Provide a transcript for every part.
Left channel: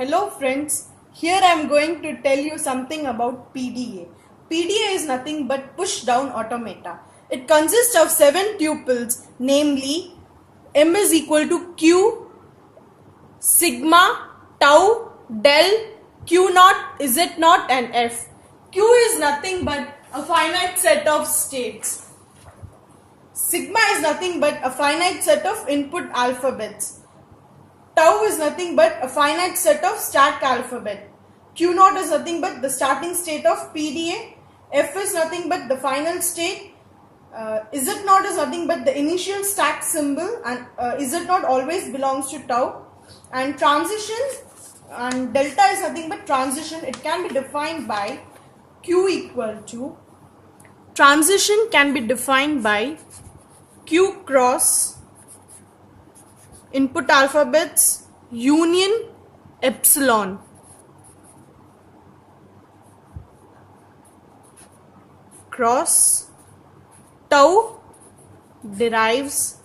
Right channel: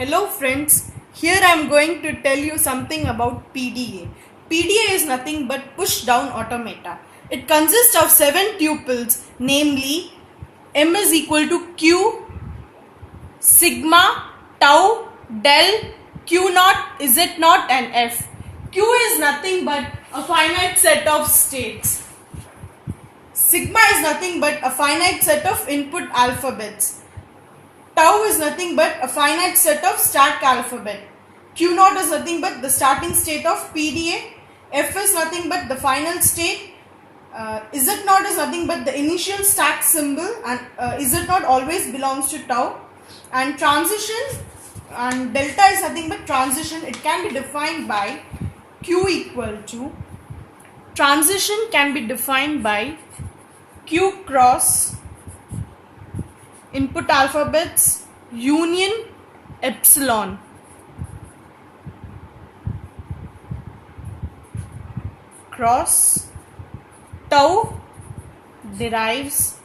Hello friends, here I am going to tell you something about PDA. PDA is nothing but push down automata. It consists of 7 tuples, namely M is equal to Q, sigma, tau, del, Q naught, Z naught and F. Q is nothing but a finite set of states. Sigma is nothing but a finite set of input alphabets. Tau is nothing but a finite set of stack alphabet. Q naught is nothing but the starting state of PDA. F is nothing but the final state. Z naught is nothing but the initial stack symbol, and Z naught always belongs to tau. And transition and delta is nothing but transition. It can be defined by Q equal to, transition can be defined by Q cross input alphabets union epsilon cross tau derives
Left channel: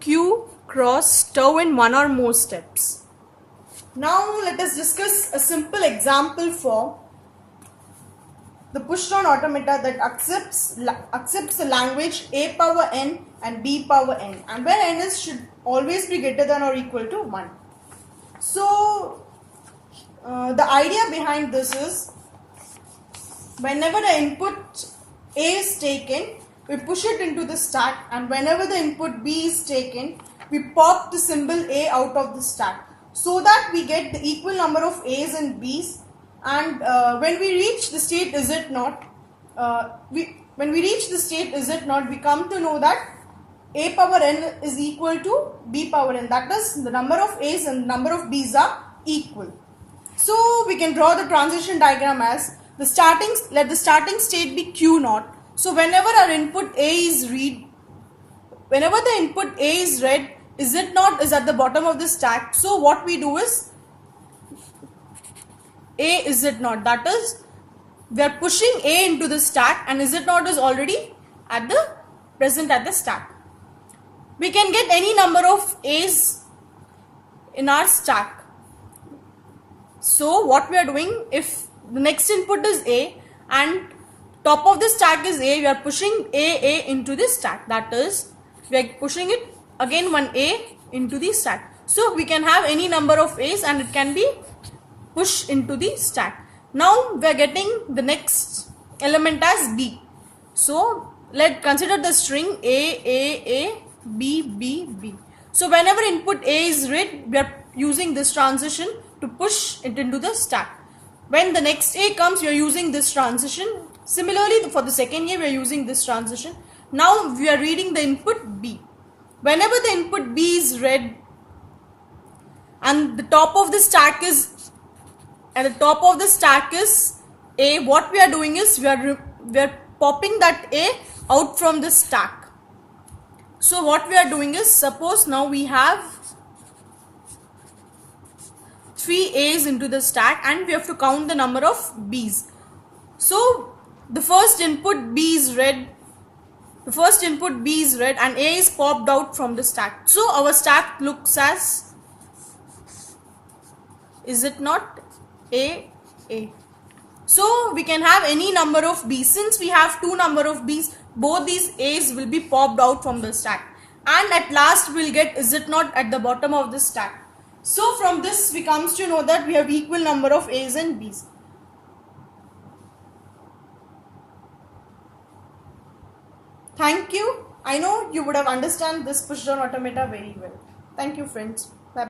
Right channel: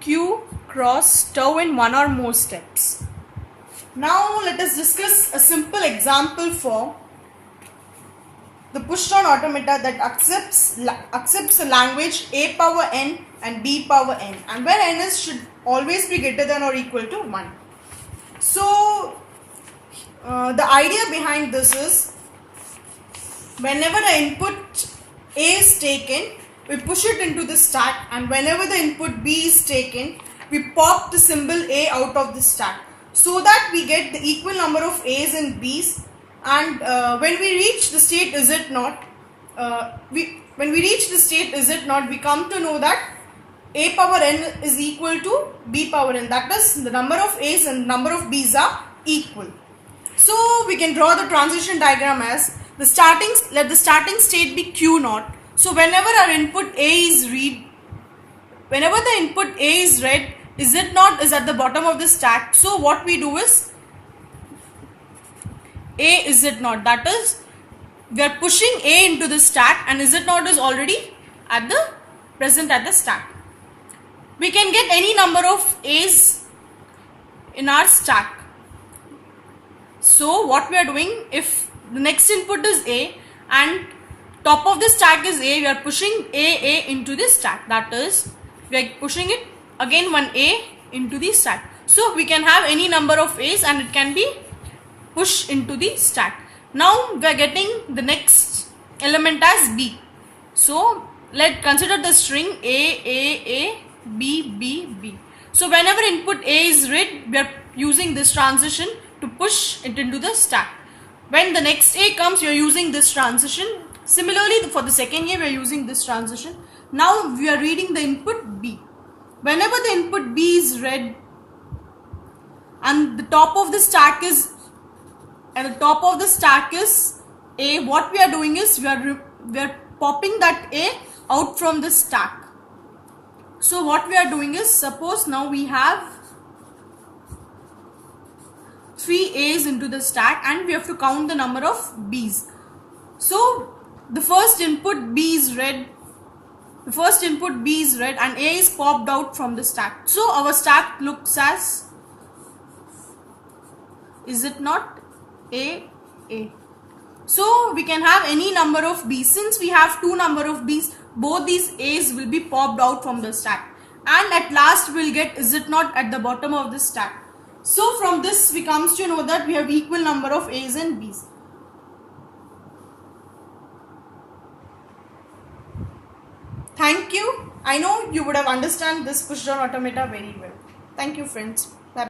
Q cross tau in one or more steps. Now let us discuss a simple example for the push-down automata that accepts the language A power n and B power n, and where n is should always be greater than or equal to 1. So the idea behind this is, whenever the input A is taken, we push it into the stack, and whenever the input B is taken, we pop the symbol A out of the stack, so that we get the equal number of A's and B's. And when we reach the state Z naught, we come to know that A power n is equal to B power n. That is, the number of A's and number of B's are equal. So we can draw the transition diagram as let the starting state be Q naught. So whenever our input A is read, whenever the input A is read, Z naught is at the bottom of the stack. So what we do is A is Z naught. That is, we are pushing A into the stack, and Z naught is already present at the stack. We can get any number of A's in our stack. So what we are doing, if the next input is A and top of the stack is A, we are pushing A into the stack. That is, we are pushing it again one A into the stack. So we can have any number of A's and it can be pushed into the stack. Now we are getting the next element as B. So let's consider the string A, B, B, B. So whenever input A is read, we are using this transition to push it into the stack. When the next A comes, we are using this transition. Similarly, for the second A, we are using this transition. Now we are reading the input B. Whenever the input B is read and the top of the stack is A, what we are doing is we are popping that A out from the stack. So what we are doing is, suppose now we have 3 A's into the stack and we have to count the number of B's. So the first input B is read, and A is popped out from the stack. So our stack looks as, is it not, A. So we can have any number of B's. Since we have 2 number of B's, both these A's will be popped out from the stack, and at last we'll get Z naught at the bottom of the stack. So from this we comes to know that we have equal number of A's and B's. Thank you. I know you would have understand this push down automata very well. Thank you friends.